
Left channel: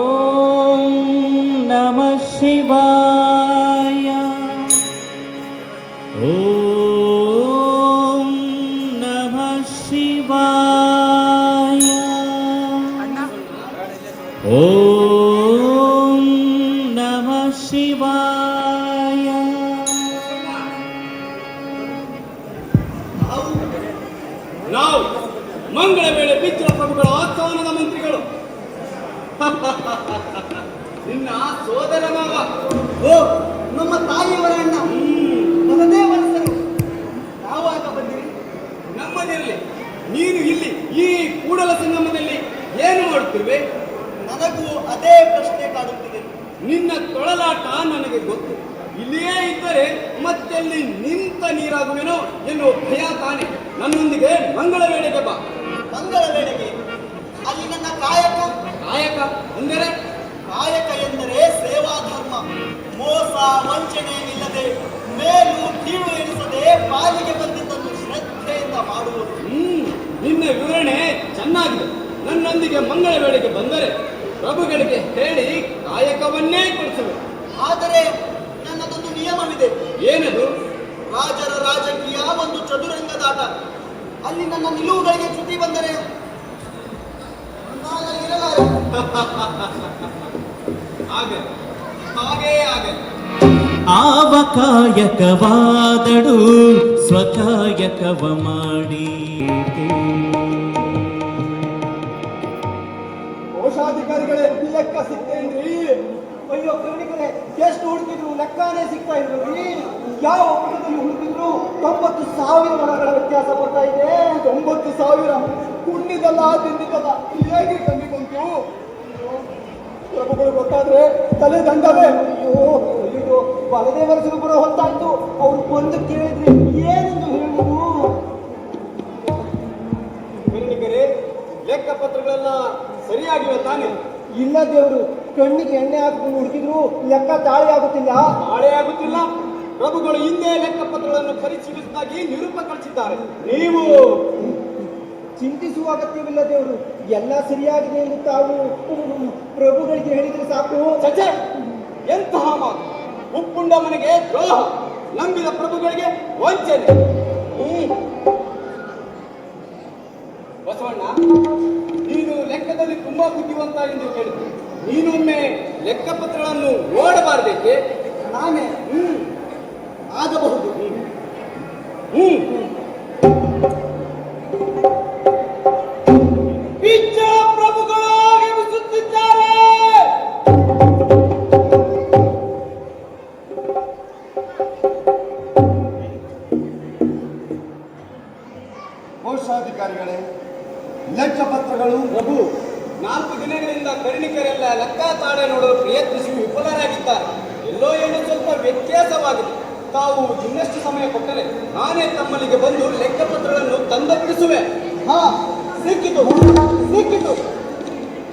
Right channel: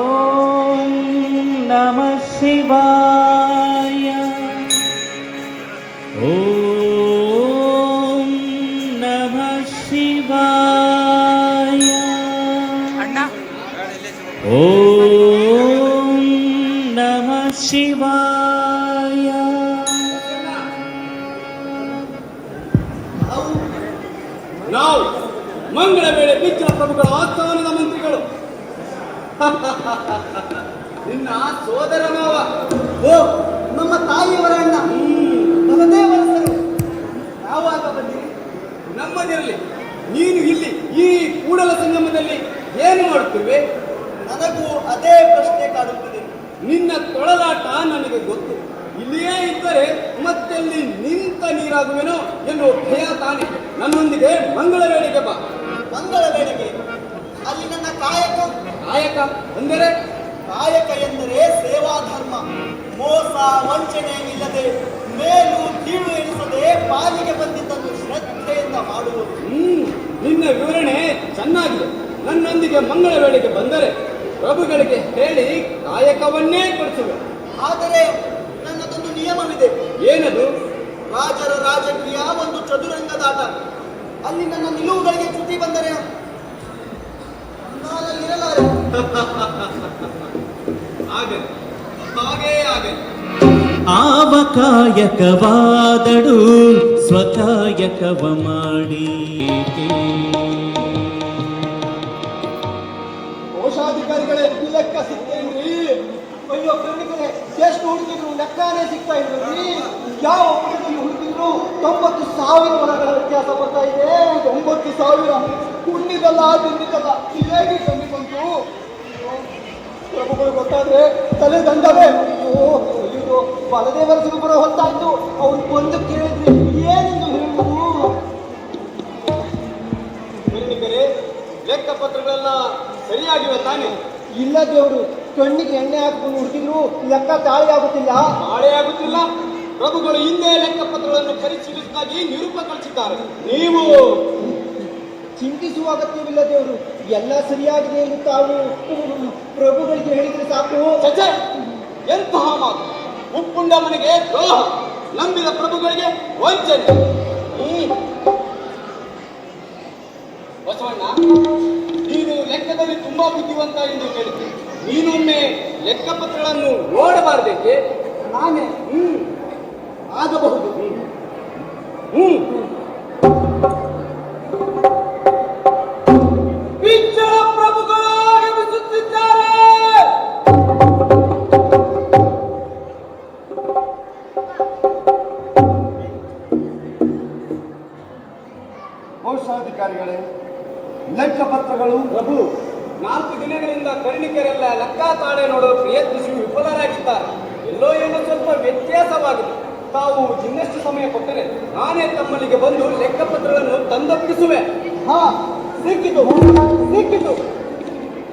ಓಂ ನಮಃ ಶಿವಾಯ. ನಾವು ಮಂಗಳ ವೇಳೆ ಬಿಜ್ಜಳ ಪ್ರಭುಗಳ ಆಸ್ಥಾನದ ಮಂತ್ರಿಗಳು. ನಿನ್ನ ಸೋದರ ಮಾವ. ಓ, ನಮ್ಮ ತಾಯಿಯವರ ಅಣ್ಣ. ಬಲದೇ ವರಸರು. ಯಾವಾಗ ಬಂದಿರಿ? ನಮ್ಮನೆಯಲ್ಲಿ ನೀನು ಇಲ್ಲಿ ಈ ಕೂಡಲ ಸಂಗಮದಲ್ಲಿ ಏನು ಮಾಡುತ್ತಿರುವೆ? ನನಗೂ ಅದೇ ಪ್ರಶ್ನೆ ಕಾಡುತ್ತಿದೆ. ನಿನ್ನ ತೊಳಲಾಟ ನನಗೆ ಗೊತ್ತು. ಇಲ್ಲಿಯೇ ಇದ್ದರೆ ಮತ್ತೆಲ್ಲಿ ನಿಂತ ನೀರಾಗುವೆನೋ ಎನ್ನುವ ಭಯ ತಾನೆ. ನನ್ನೊಂದಿಗೆ ಮಂಗಳ ವೇಳೆಗೆ ಬಾ. ಮಂಗಳ ವೇಳೆಗೆ ಅಲ್ಲಿ ನನ್ನ ಕಾಯಕ. ಕಾಯಕ ಅಂದರೆ? ಕಾಯಕ ಎಂದರೆ ಸೇವಾ ಧರ್ಮ. ಮೋಸ ವಂಚನೆ ಇಲ್ಲದೆ, ಮೇಲು ಕೀಳು ಎನಿಸದೆ ಪಾಲಿಗೆ ಬಂದಿದ್ದನ್ನು ಶ್ರದ್ಧೆಯಿಂದ ಮಾಡುವುದು. ನಿನ್ನ ವಿವರಣೆ ಚೆನ್ನಾಗಿದೆ. ನನ್ನೊಂದಿಗೆ ಮಂಗಳ ವೇಳೆಗೆ ಬಂದರೆ ಪ್ರಭುಗಳಿಗೆ ಹೇಳಿ ಕಾಯಕವನ್ನೇ ಕೊಡಿಸುವೆ. ಆದರೆ ನನ್ನದೊಂದು ನಿಯಮವಿದೆ. ಏನದು? ರಾಜರ ರಾಜಕೀಯ ಒಂದು ಚದುರಂಗದಾಟ. ಅಲ್ಲಿ ನನ್ನ ನಿಲುವುಗಳಿಗೆ ಚ್ಯುತಿ ಬಂದರೆ ನಾನು ಇರಲಾರೆ. ಹಾಗೆ ಆವ ಕಾಯಕವಾದಡು ಸ್ವಕಾಯಕವ ಮಾಡಿ. ಕೋಶಾಧಿಕಾರಿಗಳೇ, ಲೆಕ್ಕ ಸಿಗ್ತಾ ಇಲ್ರಿ. ಅಯ್ಯೋ ಕಣ್ಣಿಗೆ ಎಷ್ಟು ಹುಡುಕಿದ್ರು ಲೆಕ್ಕನೇ ಸಿಗ್ತಾ ಇಲ್ರಿ. ಯಾವ ಪುಟದಲ್ಲಿ ಹುಡುಕಿದ್ರು 90,000 ವರಗಳ ವ್ಯತ್ಯಾಸ ಬರ್ತಾ ಇದೆ. 90,000 ಹುಣ್ಣಿದಲ್ಲ ತಿಂದಿದ್ದಲ್ಲ, ಹೇಗೆ ಕಮ್ಮಿ ಬಂತು? ಪ್ರಭುಗಳು ಗೊತ್ತಾದ್ರೆ ತಲೆ ದಂಡವೇ. ಅಯ್ಯೋ, ಬಲದೇ ವರ್ಷಕ್ಕೆ ಬರೋ ಹೊತ್ತಾಯ್ತು. ಅವ್ರು ಬಂದು ಕೇಳಿದ್ರೆ ಏನೆಂದು ಹೇಳುವುದು? ಲೆಕ್ಕಪತ್ರಗಳೆಲ್ಲ ಸರಿಯಾಗಿವೆ ತಾನೆ? ಇಲ್ಲ ದೇವರು, ಕಣ್ಣಿಗೆ ಎಣ್ಣೆ ಹಾಕಿಕೊಂಡು ಹುಡುಕಿದ್ರು ಲೆಕ್ಕ ತಾಳೆ ಆಗುತ್ತಿಲ್ಲ. ನಾಳೆ ಆಗುತ್ತಿಲ್ಲ. ಪ್ರಭುಗಳು ಹಿಂದೆ ಲೆಕ್ಕಪತ್ರಗಳನ್ನು ಪರಿಶೀಲಿಸಿದಾಗಿ ನಿರೂಪ ಕಳಿಸಿದ್ದಾರೆ. ನೀವು ಚಿಂತಿಸುವ ಅಗತ್ಯವಿಲ್ಲ ದೇವರು, ಎಲ್ಲ ಸರಿಯಾಗಿದೆ ಎಂದು ತಾವು ಪ್ರಭುಗಳಿಗೆ ಹೇಳಿದ್ರೆ ಸಾಕು. ಚಚೆ, ಎಂತಹ ಮಾತು! ಉಪ್ಪುಂಡ ಮನೆಗೆ ದ್ರೋಹ, ನಂಬಿದ ಪ್ರಭುಗಳಿಗೆ ವಂಚನೆ. ಬಸವಣ್ಣ, ನೀನು ಲೆಕ್ಕದಲ್ಲಿ ತುಂಬಾ ಬುದ್ಧಿವಂತ ಎಂದು ಹೇಳಿದ್ದೆ. ನೀನೊಮ್ಮೆ ಲೆಕ್ಕಪತ್ರಗಳನ್ನು ಓಡಬಾರಬೇಕೆ? ನಾನೇ ಆಗಬಹುದು. ಇಚ್ಛಾ ಪ್ರಭುಗಳು ಆಗಮಿಸುತ್ತಿದ್ದಾರೆ. ಕೋಶಾಧಿಕಾರಿಗಳೇ, ಲೆಕ್ಕಪತ್ರಗಳು. ಪ್ರಭು, 4 ದಿನಗಳಿಂದ ಕರ್ಣಿಕರೆಲ್ಲ ಲೆಕ್ಕಾತಾಳೆ ನೋಡಲು ಪ್ರಯತ್ನಿಸಿ ವಿಫಲರಾಗಿದ್ದಾರೆ. ಎಲ್ಲೋ ಏನೋ ಸ್ವಲ್ಪ ವ್ಯತ್ಯಾಸವಾಗಿದೆ. ತಾವು ಇನ್ನಷ್ಟು ಸಮಯ ಕೊಟ್ಟರೆ ನಾನೇ ತಮ್ಮಲ್ಲಿಗೆ ಬಂದು ಲೆಕ್ಕಪತ್ರಗಳನ್ನು ತಂದೊಪ್ಪಿಸುವೆ. ಹಾ, ಸಿಕ್ಕಿತು.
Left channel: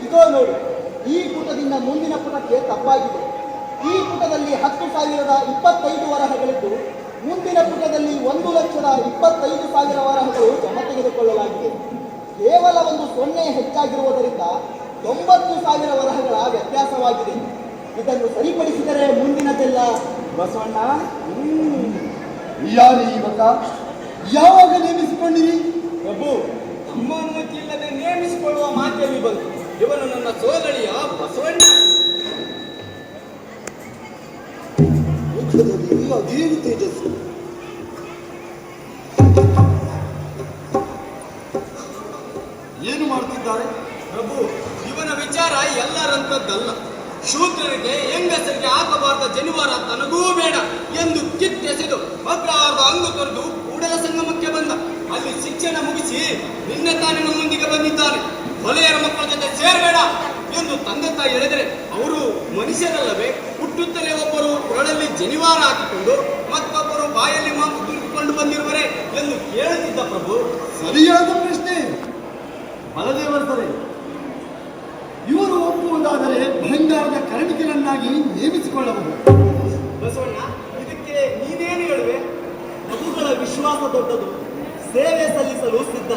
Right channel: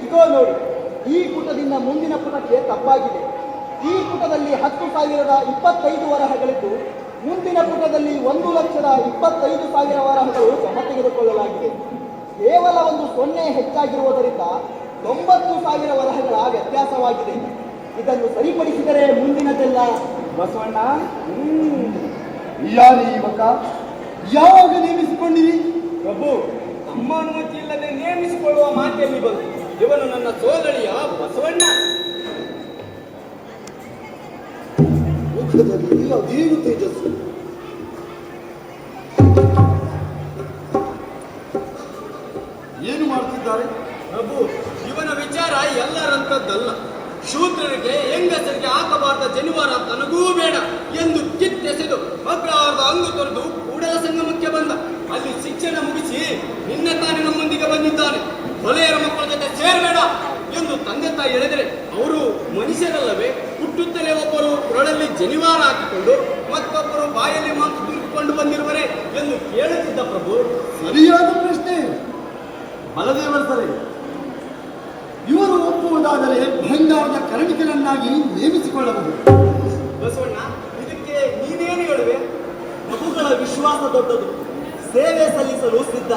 ಇದೋ ನೋಡಿ, ಈ ಪುಟದಿಂದ ಮುಂದಿನ ಪುಟಕ್ಕೆ ತಪ್ಪಾಗಿದೆ. ಈ ಪುಟದಲ್ಲಿ 10,025 ವರಹಗಳಿದ್ದು, ಮುಂದಿನ ಪುಟದಲ್ಲಿ 1,25,000 ವರಹಗಳು ಜಮ ತೆಗೆದುಕೊಳ್ಳಲಾಗಿದೆ. ಕೇವಲ ಒಂದು 0 ಹೆಚ್ಚಾಗಿರುವುದರಿಂದ 90,000 ವರಹಗಳ ವ್ಯತ್ಯಾಸವಾಗಿದೆ. ಇದನ್ನು ಸರಿಪಡಿಸಿದರೆ ಮುಂದಿನದೆಲ್ಲ ಬಸವಣ್ಣ. ಯಾರು ಈ ಮಗ? ಯಾವಾಗ ನೇಮಿಸಿಕೊಂಡಿರಿ? ಪ್ರಭು, ತಮ್ಮ ಅನುಮತಿ ಇಲ್ಲದೆ ನೇಮಿಸಿಕೊಳ್ಳುವ ಮಾತೆಯಲ್ಲಿ ಬಂತು. ಇವನು ನನ್ನ ಸೋದರಿಯ ಬಸವಣ್ಣ. ಅದೇನು ತೇಜಸ್ಸು! ಏನು ಮಾಡ್ತಿದ್ದಾರೆ? ಪ್ರಭು, ಇವನ ವಿಚಾರ ಎಲ್ಲರಂತದ್ದಲ್ಲ. ಶೂದ್ರರಿಗೆ ಹೆಂಗಸರಿಗೆ ಆಗಬಾರದ ಜನಿವಾರ ತನಗೂ ಬೇಡ ಎಂದು ಕಿತ್ತೆಸೆದು ಅಗ್ರಹಾರದ ಅಂಗು ತೊರೆದು ಕೂಡಲ ಸಂಗಮಕ್ಕೆ ಬಂದ. ಅಲ್ಲಿ ಶಿಕ್ಷಣ ಮುಗಿಸಿ ನಿನ್ನೆ ತಾನೇ ನಮ್ಮೊಂದಿಗೆ ಬಂದಿದ್ದಾನೆ. ಹೊಲೆಯರ ಮಕ್ಕಳ ಜೊತೆ ಸೇರಬೇಡ ಎಂದು ತಂದೆ ತಾಯಿ ಹೇಳಿದರೆ ಅವರು ಮನುಷ್ಯರಲ್ಲವೇ? ಹುಟ್ಟುತ್ತಲೇ ಒಬ್ಬರು ಕೊರಳಲ್ಲಿ ಜನಿವಾರ ಹಾಕಿಕೊಂಡು ಮತ್ತೊಬ್ಬರು ಬಾಯಲ್ಲಿ ಮಾಂಸ ತುಂಬಿಕೊಂಡು ಬಂದಿರುವರೆ ಎಂದು ಕೇಳುತ್ತಿದ್ದ. ಪ್ರಭು, ಸರಿಯಾದ ಪ್ರಶ್ನೆ. ಬಲದೇವರ ಸರಿ, ಇವರು ಒಪ್ಪುವುದಾದರೆ ಭಂಗಾರದ ಕರಣಿಕರನ್ನಾಗಿ ನೇಮಿಸಿಕೊಳ್ಳಬಹುದು. ಬಸವಣ್ಣ, ಇದಕ್ಕೆ ನೀನೇನು ಹೇಳುವೆ? ಪ್ರಭುಗಳ ವಿಶ್ವಾಸ ದೊಡ್ಡದು. ಸೇವೆ ಸಲ್ಲಿಸಲು ಸಿದ್ಧ.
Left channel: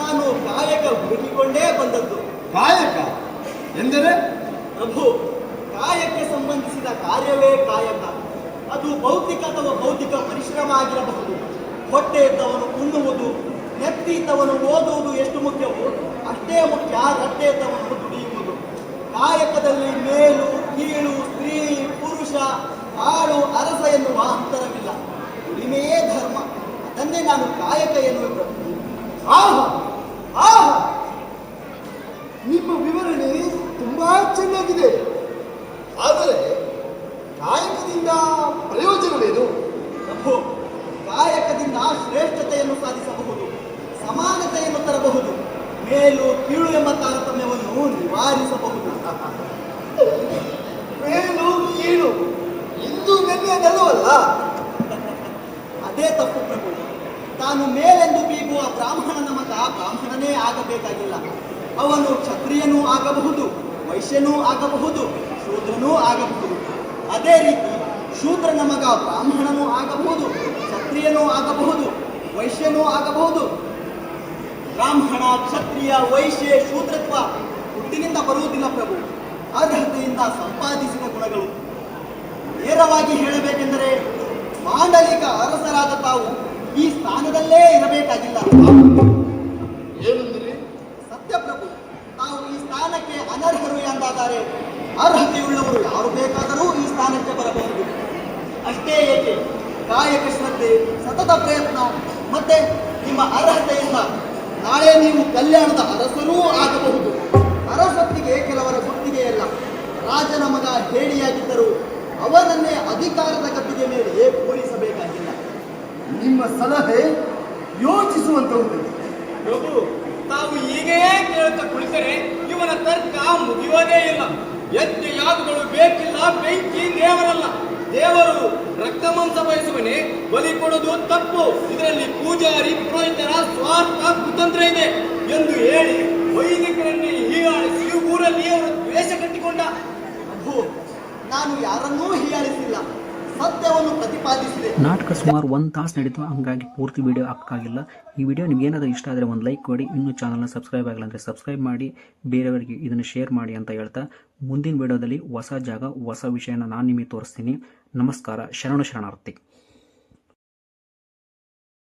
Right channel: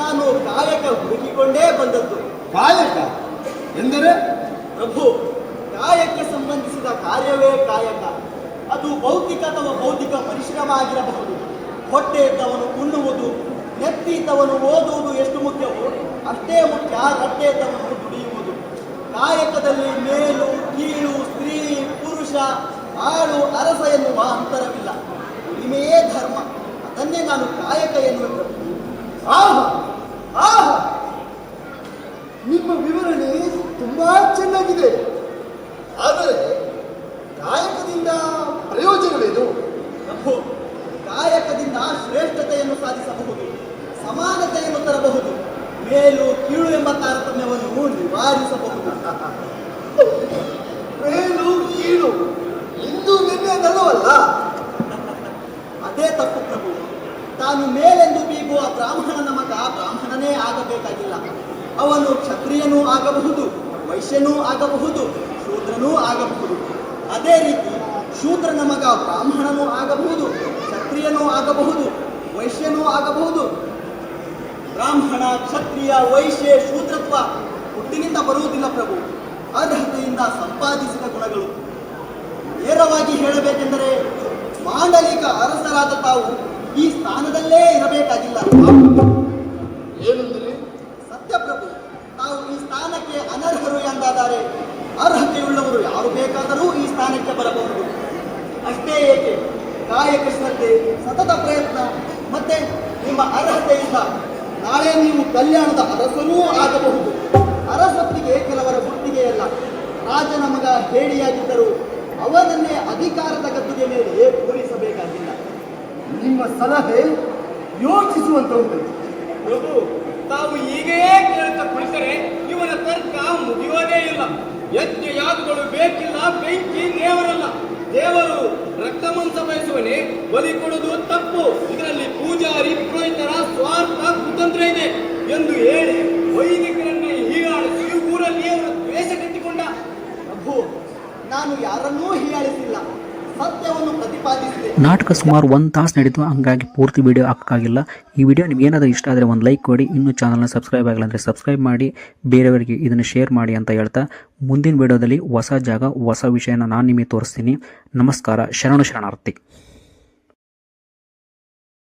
ನಾನು ಕಾಯಕ ಹುಡುಕಿಕೊಂಡೇ ಬಂದದ್ದು. ಕಾಯಕ ಎಂದರೆ? ಪ್ರಭು, ಕಾಯಕ್ಕೆ ಸಂಬಂಧಿಸಿದ ಕಾರ್ಯವೇ ಕಾಯಕ. ಅದು ಭೌತಿಕ ಅಥವಾ ಬೌದ್ಧಿಕ ಪರಿಶ್ರಮ ಆಗಿರಬಹುದು. ಹೊಟ್ಟೆ ಇದ್ದವನು ಉಣ್ಣುವುದು, ನೆತ್ತಿ ಇದ್ದವನು ಓದುವುದು ಎಷ್ಟು ಮುಖ್ಯವೋ ಅಷ್ಟೇ ಮುಖ್ಯ ರಟ್ಟೆ ಇದ್ದವನು ದುಡಿಯುವುದು. ಕಾಯಕದಲ್ಲಿ ಮೇಲು ಕೀಳು, ಸ್ತ್ರೀ ಪುರುಷ, ಆಳು ಅರಸ ಎನ್ನುವ ಅಂತರವಿಲ್ಲ. ಉಳಿಮೆಯೇ ಧರ್ಮ. ಅದನ್ನೇ ನಾನು ಕಾಯಕ ಎನ್ನುವುದು. ಆಹಾ, ನಿಮ್ಮ ವಿವರಣೆ ತುಂಬಾ ಚೆನ್ನಾಗಿದೆ. ತಾನು ಮೇಲೆಂದು ಬೀಗುವ ಬ್ರಾಹ್ಮಣನ ಮಗ ಬ್ರಾಹ್ಮಣನೇ ಆಗಬೇಕಾಗಿಲ್ಲ. ಅವನು ಕ್ಷತ್ರಿಯನೂ ಆಗಬಹುದು, ವೈಶ್ಯನೂ ಆಗಬಹುದು, ಶೂದ್ರನೂ ಆಗಬಹುದು. ಅದೇ ರೀತಿ ಶೂದ್ರನ ಮಗ ಬ್ರಾಹ್ಮಣನೂ ಆಗಬಹುದು, ಕ್ಷತ್ರಿಯನೂ ಆಗಬಹುದು, ವೈಶ್ಯನೂ ಆಗಬಹುದು. ಬ್ರಾಹ್ಮಣ, ಕ್ಷತ್ರಿಯ, ವೈಶ್ಯ, ಶೂದ್ರತ್ವ ಹುಟ್ಟಿನಿಂದ ಬರುವುದಿಲ್ಲ ಪ್ರಭು, ಅರ್ಹತೆಯಿಂದ ಸಂಪಾದಿಸಿದ ಗುಣಗಳು. ನೇರವಾಗಿ ಹೇಳಬೇಕೆಂದರೆ ಮಾಂಡಲಿಕ ಅರಸರಾದ ತಾವು ಈ ಸ್ಥಾನದಲ್ಲೇ ಇರಬೇಕಾಗಿಲ್ಲ. ಏನಂದ್ರಿ? ಸತ್ಯ ಪ್ರಭು, ತಾವು ಈ ಸ್ಥಾನಕ್ಕೆ ಅನರ್ಹರು ಎಂದಾದರೆ ಅರ್ಹತೆಯುಳ್ಳವರು ಯಾರು ಬೇಕಾದರೂ ಈ ಸ್ಥಾನಕ್ಕೆ ಬರಬಹುದು. ಅಷ್ಟೇ ಏಕೆ, ಕಾಯಕ ಶ್ರದ್ಧೆ, ಸತತ ಪ್ರಯತ್ನ ಮತ್ತೆ ನಿಮ್ಮ ಅರ್ಹತೆಯಿಂದ ನಾಳೆ ನೀವು ಕಲ್ಯಾಣದ ಅರಸರೂ ಆಗಬಹುದು. ಅರಸೊತ್ತಿಗೆ ಕೆಲವರ ಗುತ್ತಿಗೆಯಲ್ಲ. ರಾಜನ ಮಗ ಹೇಡಿಯಾಗಿದ್ದರೂ ಅವನನ್ನೇ ಅಧಿಕಾರದ ಗದ್ದುಗೆ ಮೇಲೆ ಕೂರಿಸಬೇಕಾಗಿಲ್ಲ. ನಿಮ್ಮ ಸಲಹೆ ಯೋಚಿಸುವಂತದ್ದು. ಪ್ರಭು, ತಾವು ಹೀಗೇ ಕೇಳುತ್ತಾ ಕುಳಿತರೆ ಇವನ ತರ್ಕ ಮುಗಿಯೋದೇ ಇಲ್ಲ. ಯಜ್ಞ ಯಾಗಗಳು ಬೇಕಿಲ್ಲ, ಬೆಂಕಿ ದೇವರಲ್ಲ. ದೇವರು ರಕ್ತ ಮಾಂಸ ಬಯಸುವನೇ, ಬಲಿ ಕೊಡುವುದು ತಪ್ಪು, ಇದರಲ್ಲಿ ಪೂಜಾರಿ ಪುರೋಹಿತರ ಸ್ವಾರ್ಥ ಕುತಂತ್ರ ಇದೆ ಎಂದು ಹೇಳಿ ವೈದಿಕರನ್ನೇ ಹೀಗಾಳಿಸಿ ಊರಲ್ಲಿ ಅವರ ದ್ವೇಷ ಕಟ್ಟಿಕೊಂಡ. ಪ್ರಭು, ನಾನು ಯಾರನ್ನೂ ಹೀಯಾಳಿಸಿಲ್ಲ, ಸತ್ಯವನ್ನು ಪ್ರತಿಪಾದಿಸಿದೆ. ನಾಟಕ ಸುಮಾರು 1 ತಾಸು ನಡೀತು, ಹಂಗಾಗಿ ಪೂರ್ತಿ ವಿಡಿಯೋ ಹಾಕೋಕ್ಕಾಗಿಲ್ಲ. ಈ ವಿಡಿಯೋ ನಿಮ್ಗೆ ಏನಾದರೂ ಇಷ್ಟ ಆದರೆ ಒಂದು ಲೈಕ್ ಕೊಡಿ. ಇನ್ನೂ ಚಾನಲ್ನ ಸಬ್ಸ್ಕ್ರೈಬ್ ಆಗಿಲ್ಲ ಅಂದರೆ ಸಬ್ಸ್ಕ್ರೈಬ್ ಮಾಡಿ, ಬೇರೆಯವರಿಗೆ ಇದನ್ನು ಶೇರ್ ಮಾಡಿ ಅಂತ ಹೇಳ್ತಾ ಮುಂದಿನ ವಿಡಿಯೋದಲ್ಲಿ ಹೊಸ ಜಾಗ ಹೊಸ ವಿಷಯನ ನಾನು ನಿಮಗೆ ತೋರಿಸ್ತೀನಿ. ನಮಸ್ಕಾರ. ಶರಣಾರ್ಥಿ.